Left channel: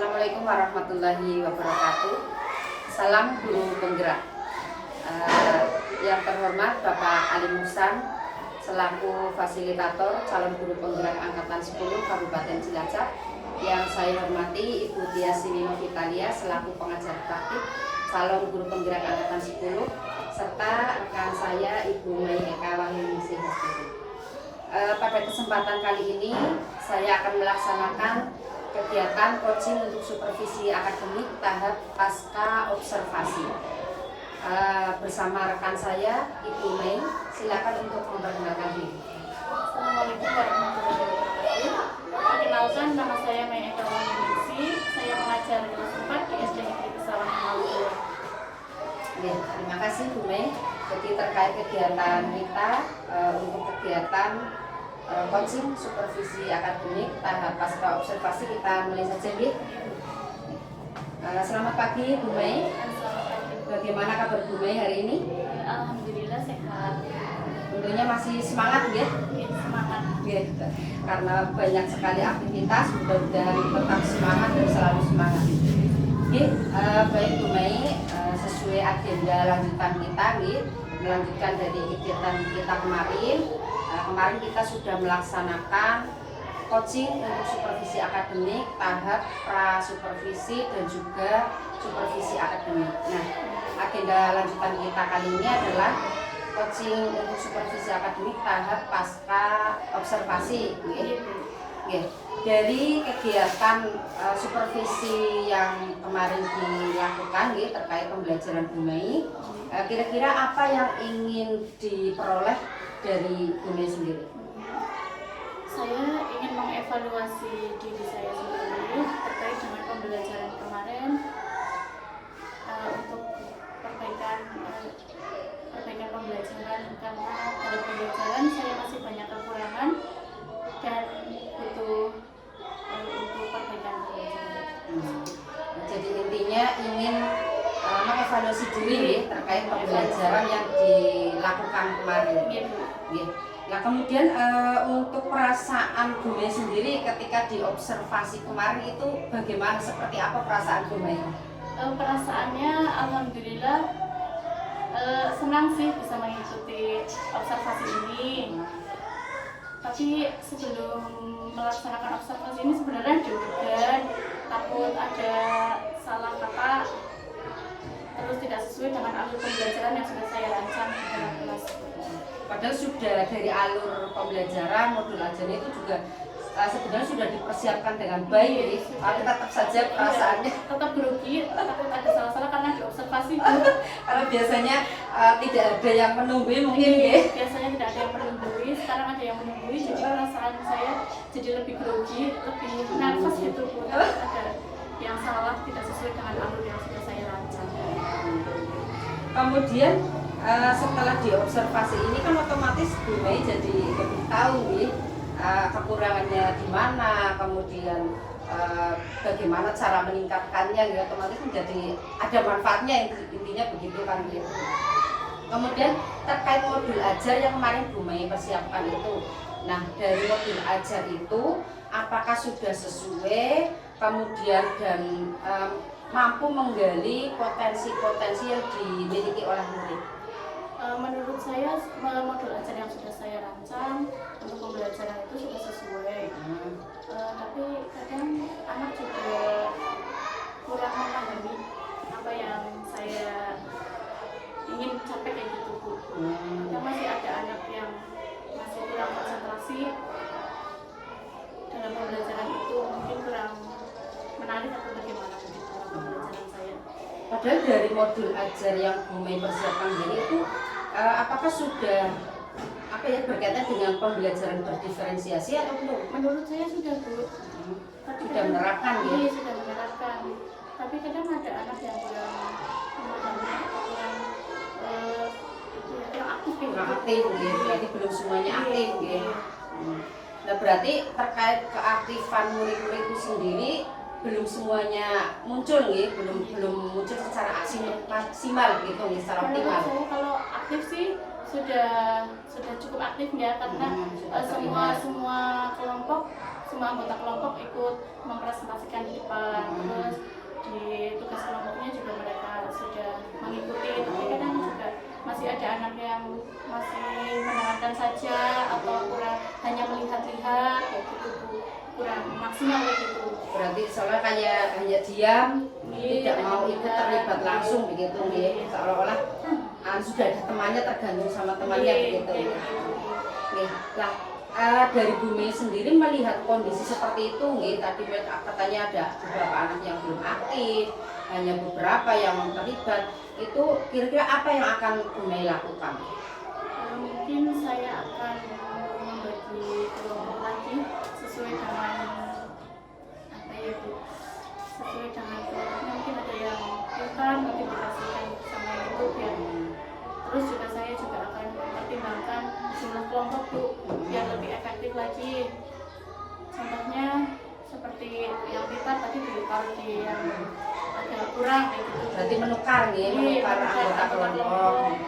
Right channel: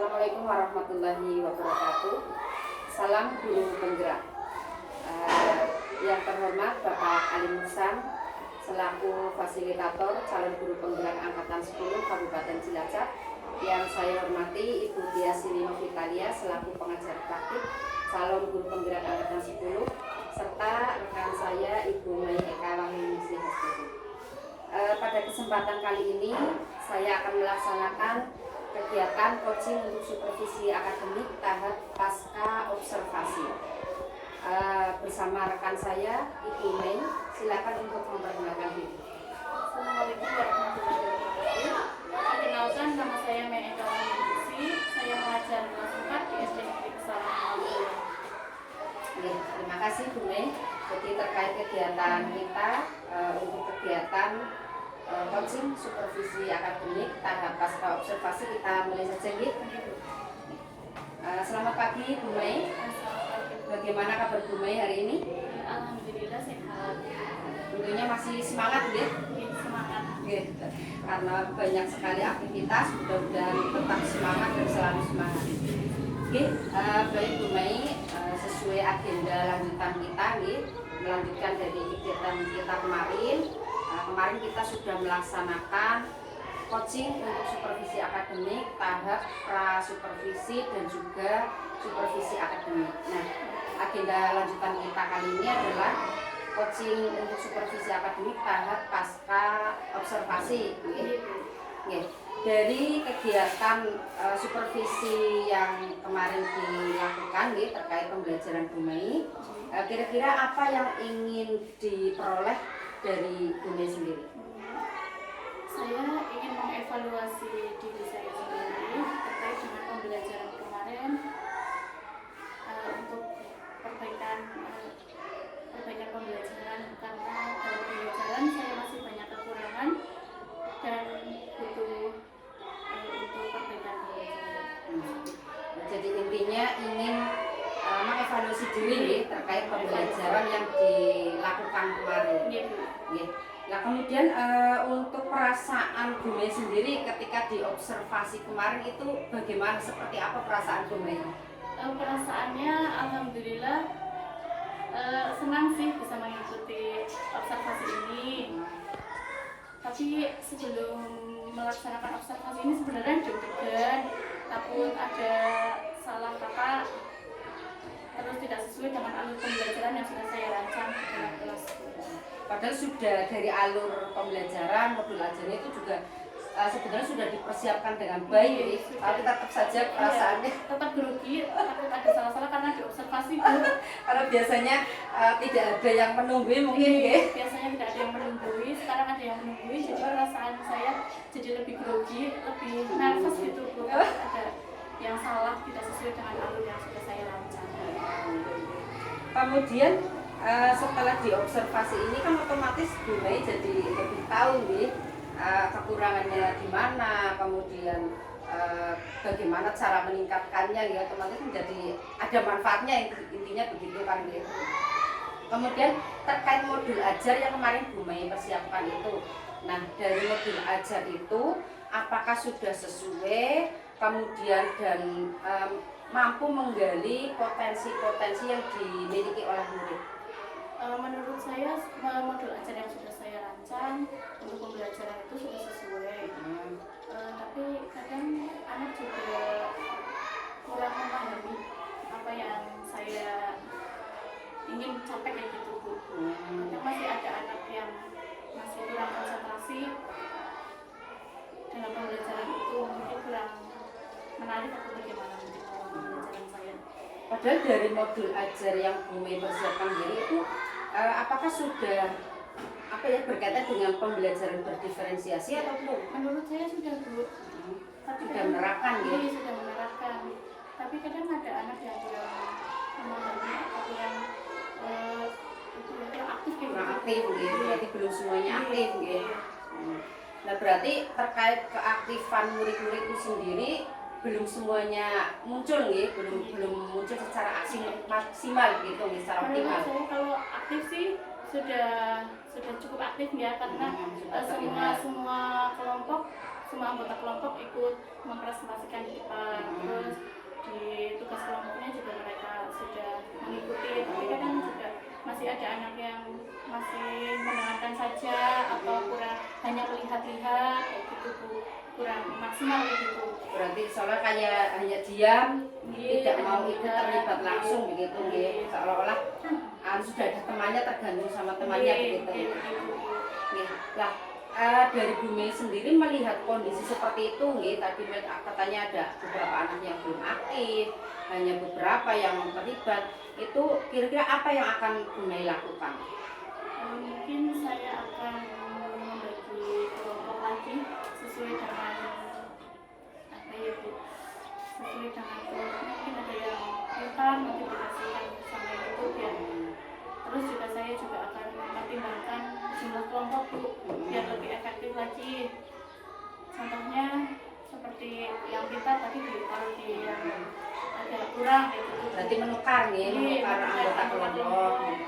Assalamualaikum warahmatullahi wabarakatuh. Salam guru penggerak. Yang terhormat Bapak Ali Musan selaku fasilitator calon guru penggerak angkatan 10 Kabupaten Cilacap. Yang saya hormati Ibu Tia Sinino Vitalia selaku pengajar praktik calon guru penggerak angkatan 10 serta rekan saya Ibu Mai Eka Wahyuningsih Hasturi. Pada kesempatan kali ini saya akan melaksanakan kegiatan coaching untuk supervisi akademik tahap pasca observasi bersama rekan saya Ibu Mei. Silakan untuk memperkenalkan diri. Assalamualaikum warahmatullahi wabarakatuh. Perkenalkan, nama saya Mai Eka Wahyuningsih. Saya mengajar kelas 4 di SD Negeri Pesawahan Maluku. Ya, terima kasih Bu Mei. Jadi terkait kegiatan kita untuk kegiatan coaching supervisi akademik tahap pasca observasi, kita mulai saja ya. Selamat pagi Bu Mei. Bagaimana kabar Bu Mei hari ini? Alhamdulillah sehat. Tentunya masih semangat ya? Semangat. Ya, karena banyak sekali aktivitas, mudah-mudahan tetap semangat dan selalu semangat. Oke, baik Bu Mei, sesuai agenda lanjutan kita nih, melanjutkan dari kegiatan kita kemarin. Kemarin kita sudah melaksanakan coaching untuk supervisi akademik tahap pra-supervisi dan juga supervisi akademik. Nah, agenda lanjutan kita kali ini adalah coaching untuk supervisi akademik tahap pasca observasi. Oke. Dari kegiatan supervisi yang kemarin dilakukan terkait pembelajaran Bu Mei, kira-kira apa yang ingin diperoleh dari Bu Mei sendiri? Saya ingin mengevaluasi diri saya sendiri terkait dengan pembelajaran kemarin untuk perbaikan pembelajaran, karena dalam pembelajaran saya masih banyak kekurangan dan butuh untuk perbaikan pembelajaran. Jadi intinya ingin mengevaluasi diri nih terkait pembelajaran yang dilakukan kemarin. Nah, kemudian untuk perasaan Bu Mei sendiri ketika diobservasi kemarin itu bagaimana, seperti apa perasaan Bu Mei? Perasaannya alhamdulillah senang sih bisa mengikuti observasi ini. Tapi sebelum melaksanakan observasi ini sebenarnya deg-degan, takut ada salah kata, terus tidak sesuai dengan alur pembelajaran yang sudah saya rancang di dalam kelas. Padahal sudah dari alur pembelajaran modul ajarnya itu juga sebenarnya sudah dipersiapkan dengan baik, tapi tetap saja perasaannya tetap grogi, takut ada salah-salah karena diobservasi. Karena biasanya tidak ada yang menunggui mungkin ya. Biasanya tidak ada yang menunggui, sekarang ada yang menunggui, jadi perasaan saya jadi lebih grogi, lebih nervous gitu, ada yang salah, tidak sesuai dengan alur yang sudah saya rancang. Kemudian setelah diobservasi ini kan otomatis Bu Mei jadi lebih tahu nih kekurangannya di mana, kemudian bagaimana cara meningkatkannya, ya otomatis menjadi ada manfaatnya, intinya begitu kan gitu. Kemudian terkait modul ajar yang kemarin Bu Mei persiapkan itu, nah dari modul ajar itu apakah sudah sesuai, kemudian dan mampu menggali potensi-potensi yang dimiliki oleh murid? Menurut saya modul ajar yang sudah saya rancang untuk pembelajaran itu sudah sesuai. Tapi kadang anak juga kurang memahami apa yang saya ingin capai kayak gitu Bu. Kadang masih ada anak yang masih kurang konsentrasi dalam pembelajaran itu, mungkin kurang menarik atau bagaimana di dalam pembelajaran saya. Padahal dari modul ajar yang Bu Mei persiapkan diri itu apakah sudah berkaitan dengan pembelajaran berdiferensiasi atau belum? Menurut saya sudah Bu. Sudah menerapkan ya? Iya, sudah menerapkan. Tapi kadang ada anak yang kurang memahami atau kurang aktif gitu. Kurang aktif gitu. Jadi belum semuanya aktif gitu. Nah, berarti terkait keaktifan murid-murid itu sendiri belum semuanya muncul nih, belum muncul secara maksimal gitu nih, secara optimal. Menurut saya kalau aktif sih sudah cukup aktif ya, karena semua kelompok semua anggota kelompok ikut mempresentasikan di depan. Terus di tugas kelompoknya juga mereka sudah mengikuti, tapi kadang juga masih ada anak yang masih mendengarkan saja atau kurang hanya melihat-lihat kayak gitu Bu. Kurang maksimal kayak gitu. Berarti soalnya kayak hanya diam, tidak Hanya mau ikut melihat. terlibat langsung begitu nggih. Seolah-olah sudah ada temannya, tergantung sama temannya begitu. Nggih. Lah dari Bumi sendiri melihat kondisi seperti itu nggih, tadi katanya ada beberapa anak yang belum aktif, hanya beberapa yang terlibat. Itu kira-kira apa yang akan Bumi lakukan? Mungkin saya akan membagi kelompok lagi sesuai dengan apa ya Bu, sesuai dengan kelompoknya. Mungkin ada yang pintar nanti dikasihkan sama ibu biar, terus juga saya juga akan mempertimbangkan jumlah kelompok Bu biar lebih efektif lagi. Contohnya seperti yang pintar tapi ditaruh di yang agak kurang gitu. Berarti menukar nggih, menukar anggota kelompok.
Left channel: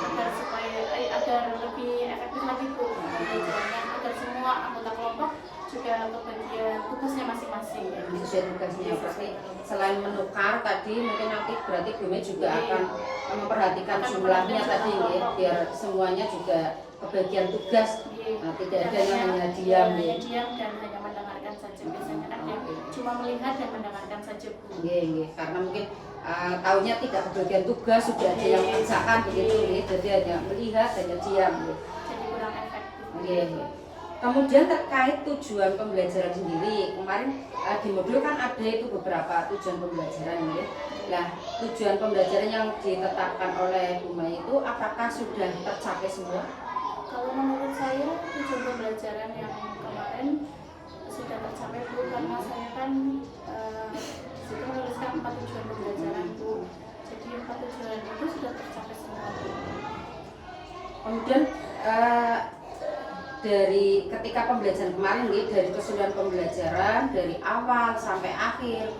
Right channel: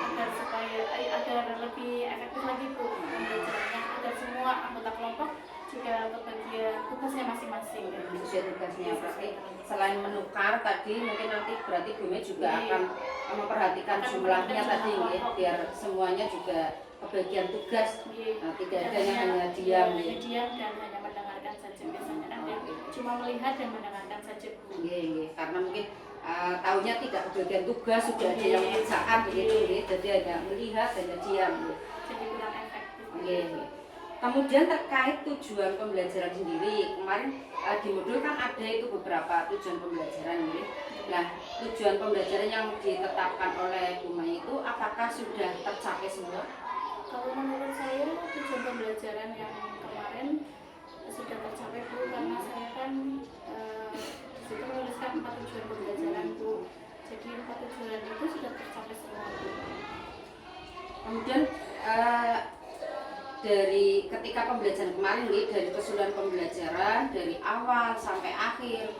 Agar supaya agar lebih efektif lagi Bu pembelajarannya, agar semua anggota kelompok juga kebagian tugasnya masing-masing ya. Sesuai tugasnya. Berarti selain menukar tadi mungkin nanti berarti Bumi juga akan memperhatikan jumlahnya tadi nggih, biar semuanya juga kebagian tugas. Tidak ada yang hanya diam hanya diam dan hanya mendengarkan saja. Biasanya kan yang cuma melihat dan mendengarkan saja Bu. Nggih, karena mungkin tahunya tidak kebagian tugas, sudah ada yang mengerjakan begitu nggih, jadi hanya melihat, hanya diam nggih. Jadi kurang efektif. Nggih. Kemudian terkait tujuan pembelajaran sendiri, kemarin di modul kan ada itu beberapa tujuan pembelajaran nggih. Nah, tujuan pembelajaran yang ditetapkan oleh Bu Mai itu apakah sudah tercapai semua? Kalau menurut saya tujuan pembelajaran yang kemarin sudah tercapai Bu, karena saya kan itu menuliskan 4 tujuan pembelajaran Bu. Jadi 4 tujuan itu sudah tercapai semua Bu. Kemudian dari ketika pembelajaran kemarin nih, dari keseluruhan pembelajaran dari awal sampai akhir,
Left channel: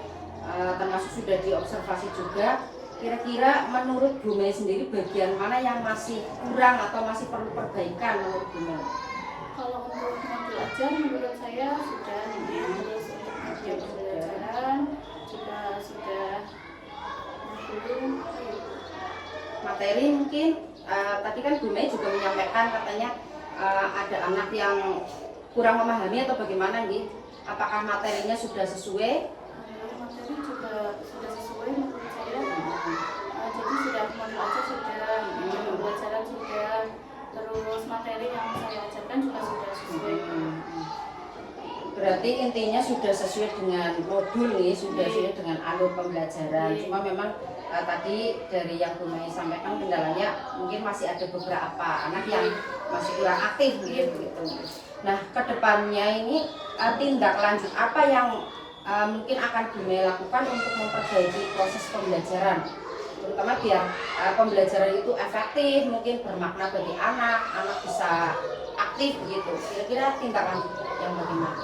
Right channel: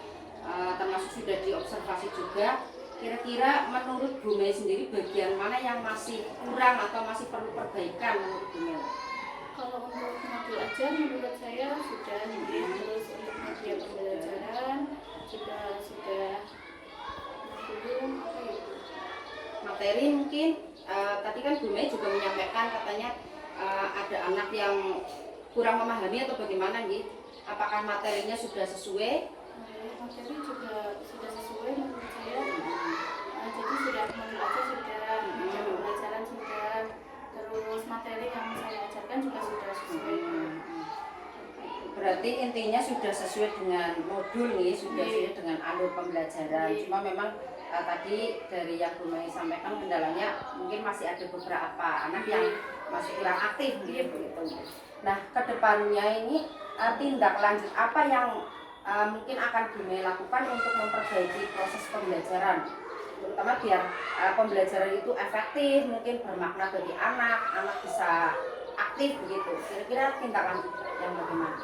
termasuk sudah diobservasi juga, kira-kira menurut Bu Mei sendiri bagian mana yang masih kurang atau masih perlu perbaikan menurut Bu Mei? Kalau untuk modul ajar menurut saya sudah, terus untuk media pembelajaran juga sudah. Materi mungkin tadi kan Bu Mei juga menyampaikan katanya ada anak yang kurang memahami atau bagaimana nih? Apakah materinya sudah sesuai? Materi juga sudah sesuai menurut saya. Jadi sudah modul ajar sudah, media pembelajaran sudah, terus materi yang saya ajarkan juga sudah sesuai. Berarti intinya sudah sesuai dengan modul nih, sudah sesuai dengan alur pembelajaran. Cuma memang tadi dari yang Bu Mei sampaikan kendalanya mungkin masih ada beberapa anak yang masih kurang aktif gitu. Nah, kedepannya ini tindak lanjut apa yang mungkin akan Bu Mei lakukan untuk memperbaiki proses pembelajaran, terutama biar pembelajaran itu efektif, mungkin bermakna bagi anak bisa aktif begitu. Kira-kira tindak lanjut yang bagaimana?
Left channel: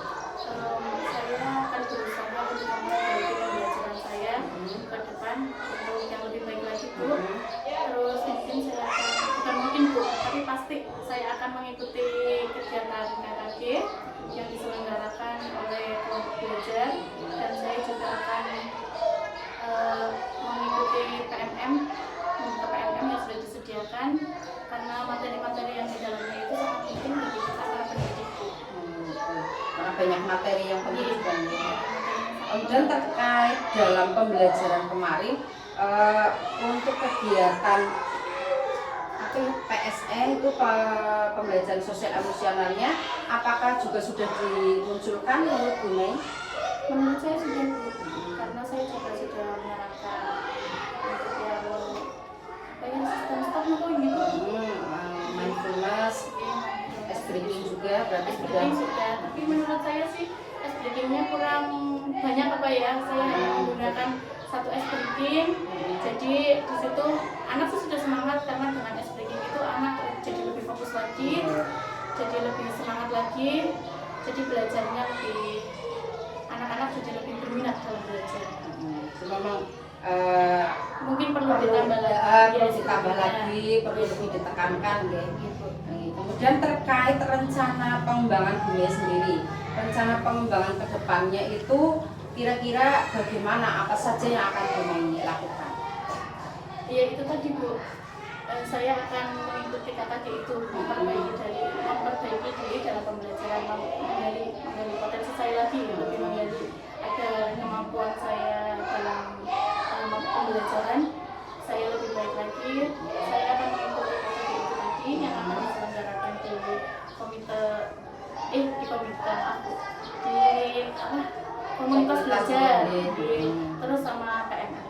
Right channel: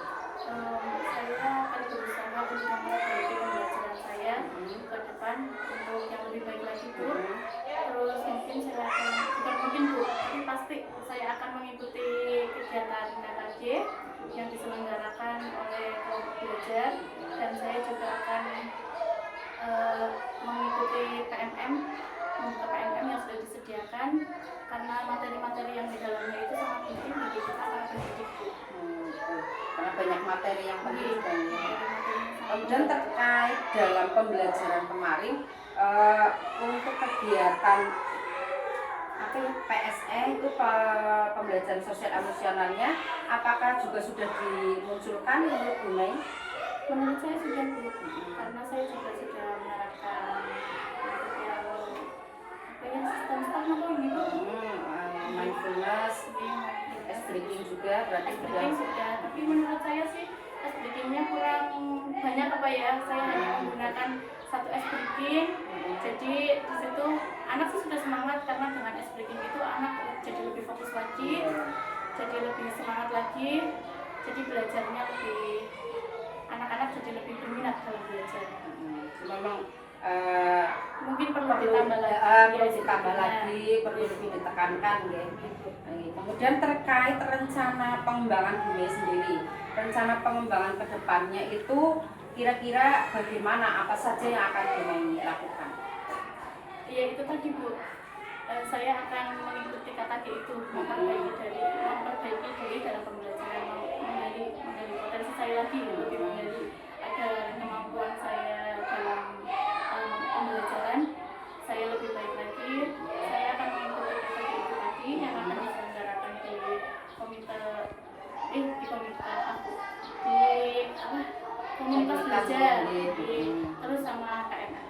Saya akan berusaha untuk memperbaiki pembelajaran saya ke depan untuk yang lebih baik lagi Bu. Terus mungkin saya akan, bukan mungkin Bu, tapi pasti saya akan mengikuti kegiatan KKG yang diselenggarakan oleh kelompok belajar, dan saya juga akan mengikuti PMM, membuka PMM yang sudah disediakan, karena materi-materi yang di dalamnya itu sangat penting bagi kita para pendidik Bu. Karena banyak materi yang penting juga. Kemudian terkait dalam pembelajaran kemarin untuk kegiatan apa ya, PSE itu pembelajaran sosial emosionalnya, apakah juga sudah dimunculkan menurut Bu Mei? Menurut saya sudah Bu, karena saya juga sudah menerapkan untuk yang apa ya, sistem stop atau ini Bu. Mindfulness, ice breaking juga berarti Ice breaking sudah, tapi menurut saya sih ice breakingnya kurang banyak apa ya. Saya hanya menggunakan 1 ice breaking, jadi di situ anak sih sudah semangat, karena dengan ice breaking itu anak jadi lebih fokus lagi, jadi lebih semangat lagi, jadi belajarnya lebih, anak-anak jadi lebih berminat dalam belajar. Memang mungkin perlu ditambah lagi, perlu ditambah lagi, perlu lebih ditekankan gitu. Kemudian terkait rencana pengembangan dunia sendiri, rencana pengembangan kedepannya itu kira-kira bagaimana, apa saja yang akan Bumei lakukan? Ya itu tadi Bu, saya akan mengikuti KKG itu, memperbaiki diri dalam pembelajaran, menggali potensi saya lagi, lebih menggali agar kemampuan saya dalam pembelajaran saya lebih baik lagi. Saya akan mengikuti KKG itu tadi yang akan diselenggarakan di komunitas belajar, terus sama KMN.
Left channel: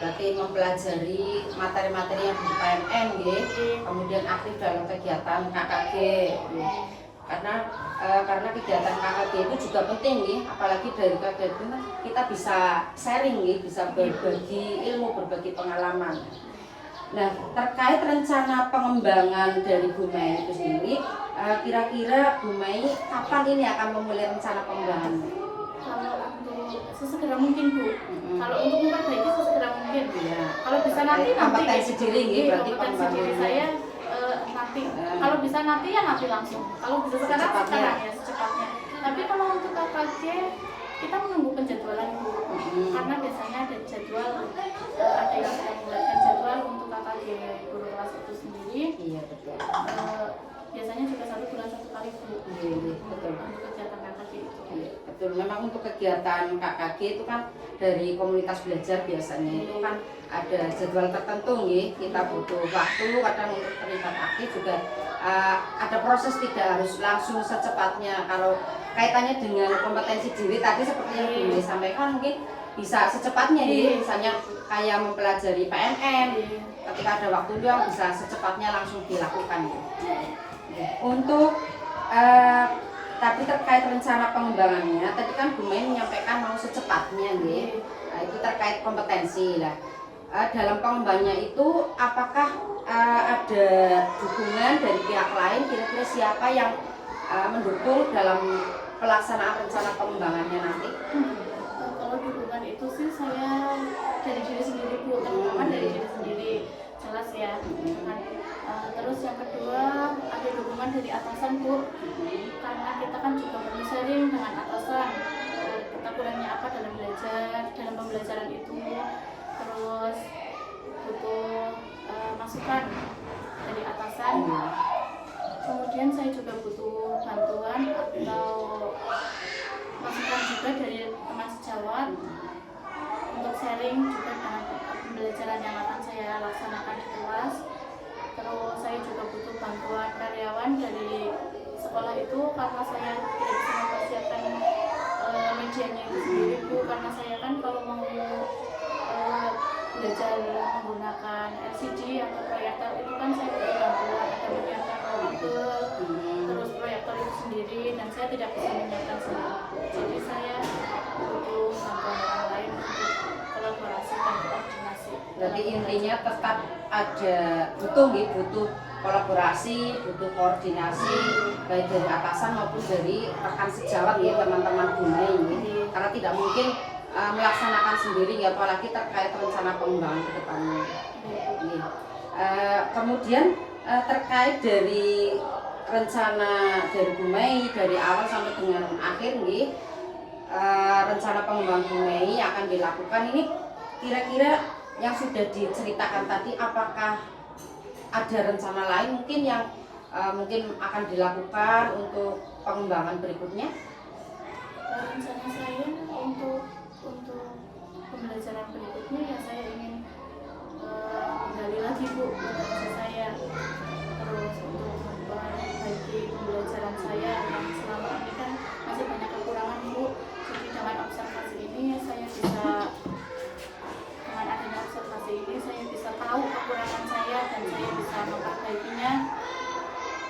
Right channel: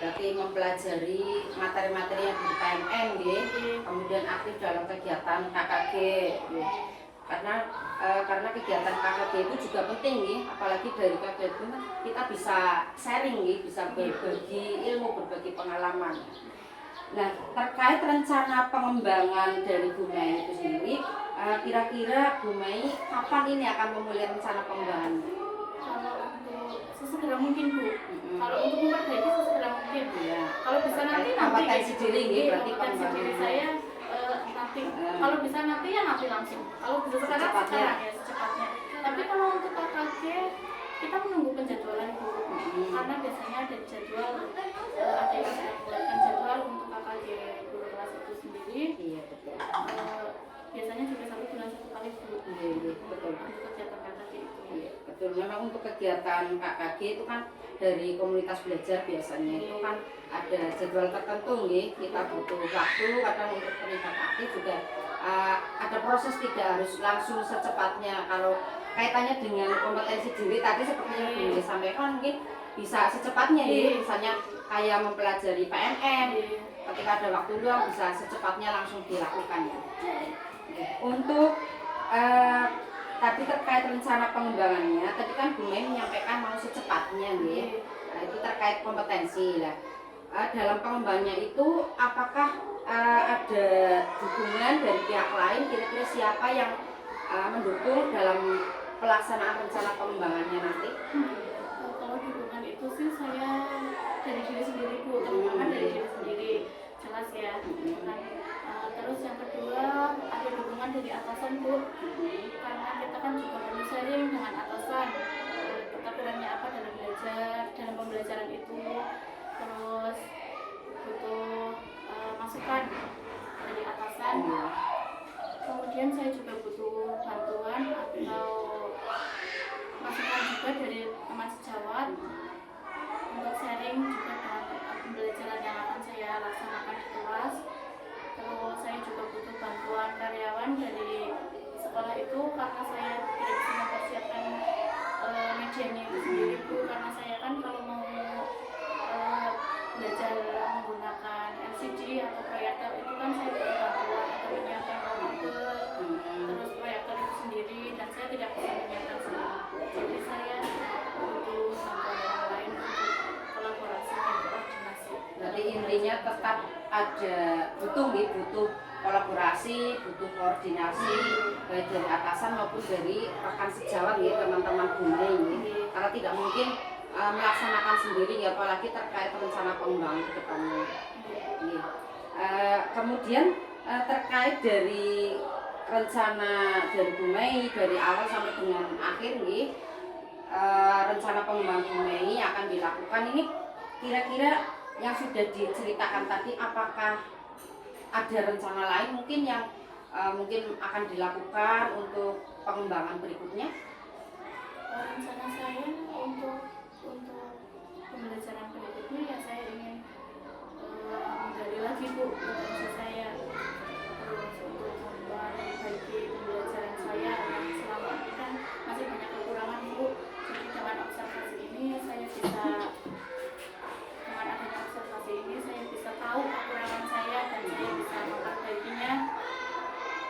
Berarti mempelajari materi-materi yang di PMN ya, kemudian aktif dalam kegiatan KKG ya. Karena kegiatan KKG itu juga penting ya, apalagi dari KKG itu kita bisa sharing ya, bisa berbagi ilmu, berbagi pengalaman. Nah, terkait rencana pengembangan dari Bumei itu sendiri, kira-kira Bumei kapan ini akan memulai rencana pengembangannya? Kalau untuk sesegera mungkin Bu, kalau untuk memperbaiki sesegera mungkin. Ya. Kalau bisa nanti kompetensi diri gitu, berarti kompetensi diri saya nanti. Kalau bisa nanti ya nanti langsung. Kalau bisa sekarang ya secepatnya. Tapi kalau untuk KKG kita menunggu penjadwalan Bu, karena biasanya ada jadwal, ada yang sudah membuatkan jadwal untuk KKG guru kelas itu sendiri. Iya betul. Biasanya juga 1 bulan 1 kali Bu. Iya betul. Untuk kegiatan KKG itu. Iya, betul. Memang untuk kegiatan KKG itu kan dari komunitas belajar biasanya itu kan ada jadwal tertentu nih. Kita butuh waktu, kadang untuk terlibat aktif juga ada proses, tidak harus langsung secepatnya. Kalau kaitannya dengan kompetensi diri tadi seperti yang Bu sampaikan, mungkin bisa secepatnya ya. Misalnya kayak mempelajari PMN, ketika ada waktu luang bisa secepatnya langsung dilakukan ya. Untuk tapi terkait rencana pengembangannya, tadi kan Bumei menyampaikan mau secepatnya nih. Nah, itu terkait kompetensi lah. Dalam pengembangannya itu apakah ada dukungan dari pihak lain, kira-kira siapa yang mendukung dalam pelaksanaan rencana pengembangannya nanti? Kalau dukungan itu sih saya dari diri sendiri Bu, terutama dari diri sendiri, jelas ya. Terus yang kedua ada dukungan dari atasan Bu, karena kita kan juga perlu sharing dengan atasan, kita kurangnya apa dalam belajar, dalam pembelajaran itu, terus butuh masukan dari atasan. Kemudian saya juga butuh bantuan atau masukan juga dari teman sejawat untuk sharing juga dengan pembelajaran yang akan saya laksanakan di kelas. Terus saya juga butuh bantuan karyawan dari sekolah itu karena saya tidak bisa mempersiapkan medianya itu sendiri Bu, karena saya kan kalau mau belajar menggunakan LCD atau proyektor itu kan saya butuh bantuan atau menyiapkan komputer, terus proyektor itu sendiri, dan saya tidak bisa menyiapkan sendiri. Jadi saya butuh bantuan orang lain untuk kolaborasi dan koordinasi. Jadi intinya tetap ada butuh kolaborasi, butuh koordinasi baik dari atasan maupun dari rekan sejawat ya, teman-teman Bumei ini. Karena tidak mungkin melaksanakan sendiri ya, apalagi terkait rencana pengembangan ke depannya. Kemudian terkait dari rencana dari Bumei dari awal sampai dengan akhir nih, rencana pengembangan Bumei akan dilakukan ini, kira-kira yang sudah diceritakan tadi apakah ada rencana lain mungkin yang mungkin akan dilakukan untuk pengembangan berikutnya? Rencana saya untuk pembelajaran berikutnya ya saya ingin menggali lagi Bu potensi saya, terus untuk memperbaiki pembelajaran saya yang selama ini kan masih banyak kekurangan Bu. Jadi dengan observasi ini saya bisa, dengan adanya observasi ini saya bisa tahu kekurangan saya dan saya bisa memperbaikinya.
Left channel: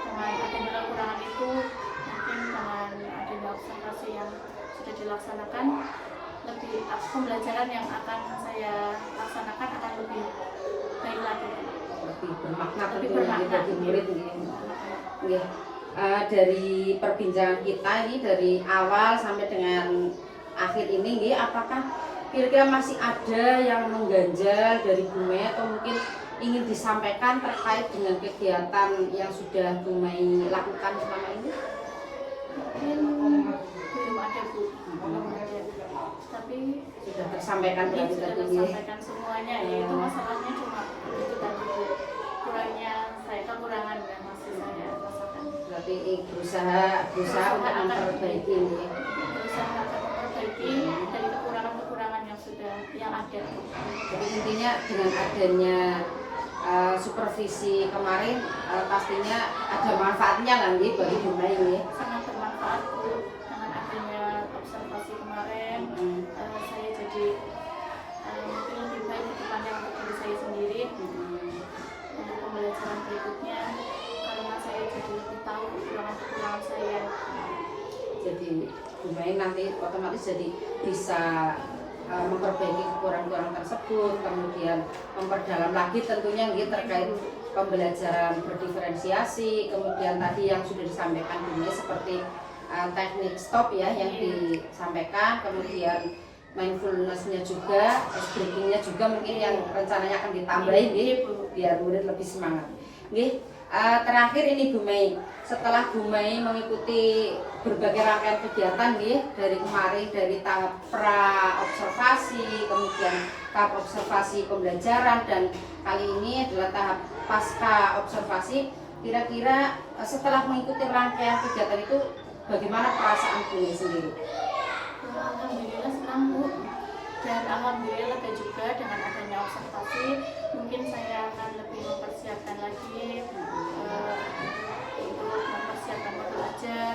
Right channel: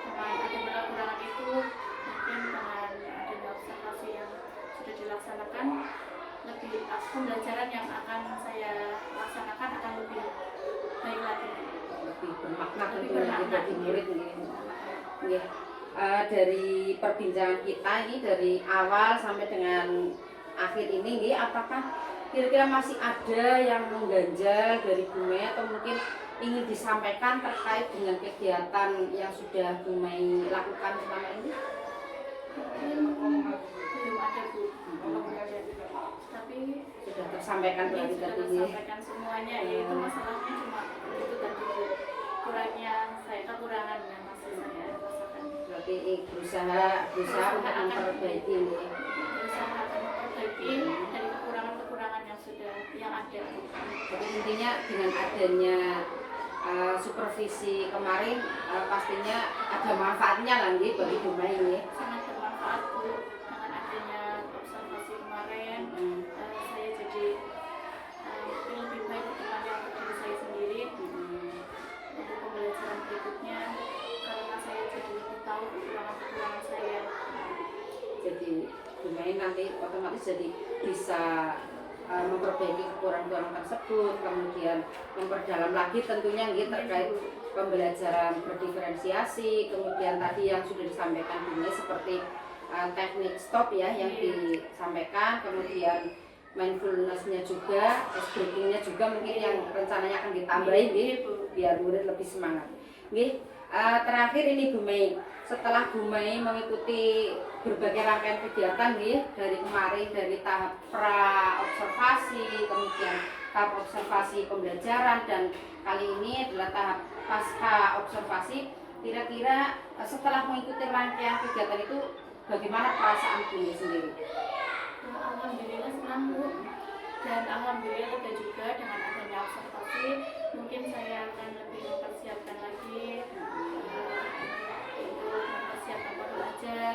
Dengan adanya kekurangan itu mungkin dengan adanya observasi yang sudah dilaksanakan, lebih pembelajaran yang akan saya laksanakan akan lebih baik lagi, lebih bermakna bagi murid ini. Dari perbincangan kita ini dari awal sampai dengan akhir ini nih, apakah kira-kira masih ada yang mengganjal dari Bumei atau mungkin ingin disampaikan terkait dengan kegiatan yang sudah Bu Mei lakukan selama ini? Mungkin belum ada Bu, belum ada. Tapi Sudah tersampaikan ini berarti sudah tadi ya. tersampaikan semuanya, yaitu masalahnya cuma itu tadi Bu, kurangnya saya, kekurangan yang masih saya rasakan. Berarti berusaha untuk memperbaiki ini ya. Berusaha akan memperbaiki dari kekurangan-kekurangan yang ada. Jadi intinya dengan adanya supervisi kemarin pastinya ada manfaatnya nanti bagi Bu Mei ini. Sangat bermanfaat Bu, dengan adanya observasi kemarin. Saya jadi mungkin lebih baik ke depannya untuk diri saya sendiri, untuk pembelajaran berikutnya, karena saya jadi lebih tahu kekurangan-kekurangan saya. Jadi Bu Mei nanti otomatis jadi bisa memperbaiki kekurangan-kekurangan tersebut, kemudian memperdalam lagi tentunya gitu terkait pembelajaran berdiferensiasi, kemudian tadi yang sudah disampaikan Bu Mei seperti teknik stop ya yang disampaikan, kemudian mindfulness-nya juga, terus breathing-nya juga mungkin yang rencananya akan ditambahin gitu, biar murid lebih semangat. Nggih, terakhir ini Bu Mei, setelah Bu Mei mengikuti berbagai rangkaian kegiatan nih dari kemarin, dari tahap pra observasi, kemudian tahap observasi pembelajaran, dan kali ini adalah tahap pasca observasi. Kira-kira setelah mengikuti rangkaian kegiatan itu bagaimana perasaan Bu Mei sendiri? Alhamdulillah senang Bu, dan alhamdulillah lega juga dengan adanya observasi. Mungkin saya akan lebih mempersiapkan lagi untuk mempersiapkan modul ajar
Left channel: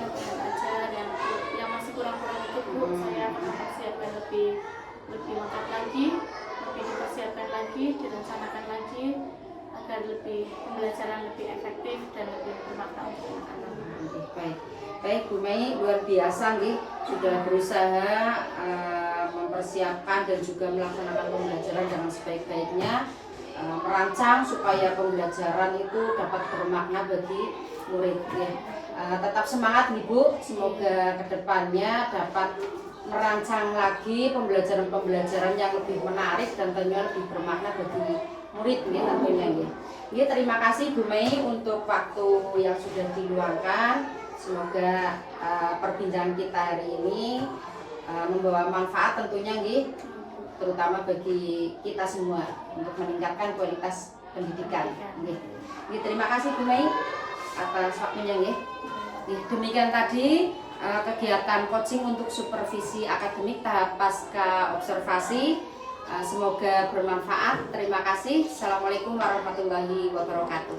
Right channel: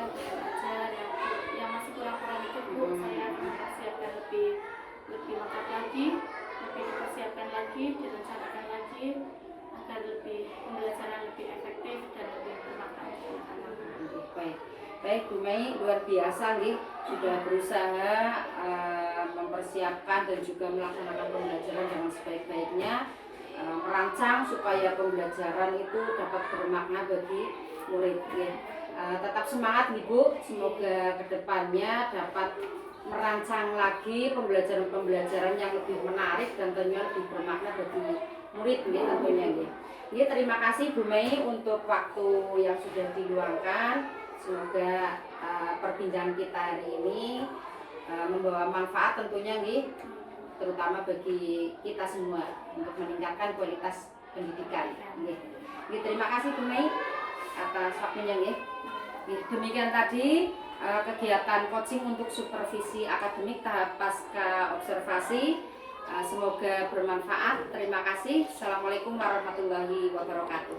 yang masih kurang-kurang itu Bu. Saya akan mempersiapkan lebih lengkap lagi, lebih dipersiapkan lagi, direncanakan lagi agar pembelajaran lebih efektif dan lebih bermakna untuk anak-anak. Baik Bu Mei, luar biasa nih, sudah berusaha mempersiapkan dan juga melaksanakan pembelajaran dengan sebaik-baiknya, merancang supaya pembelajaran itu dapat bermakna bagi murid ya. Tetap semangat nih Bu, semoga kedepannya dapat merancang lagi pembelajaran-pembelajaran yang lebih menarik dan tentunya lebih bermakna bagi murid ya tentunya ya. Ini terima kasih Bu Mei untuk waktu yang sudah diluangkan. Semoga perbincangan kita hari ini membawa manfaat tentunya nggih, terutama bagi kita semua untuk meningkatkan kualitas pendidikan nggih. Terima kasih Bu Mei atas waktunya nggih. Demikian tadi kegiatan coaching untuk supervisi akademik tahap pasca observasi. Semoga bermanfaat. Terima kasih. Assalamualaikum warahmatullahi wabarakatuh.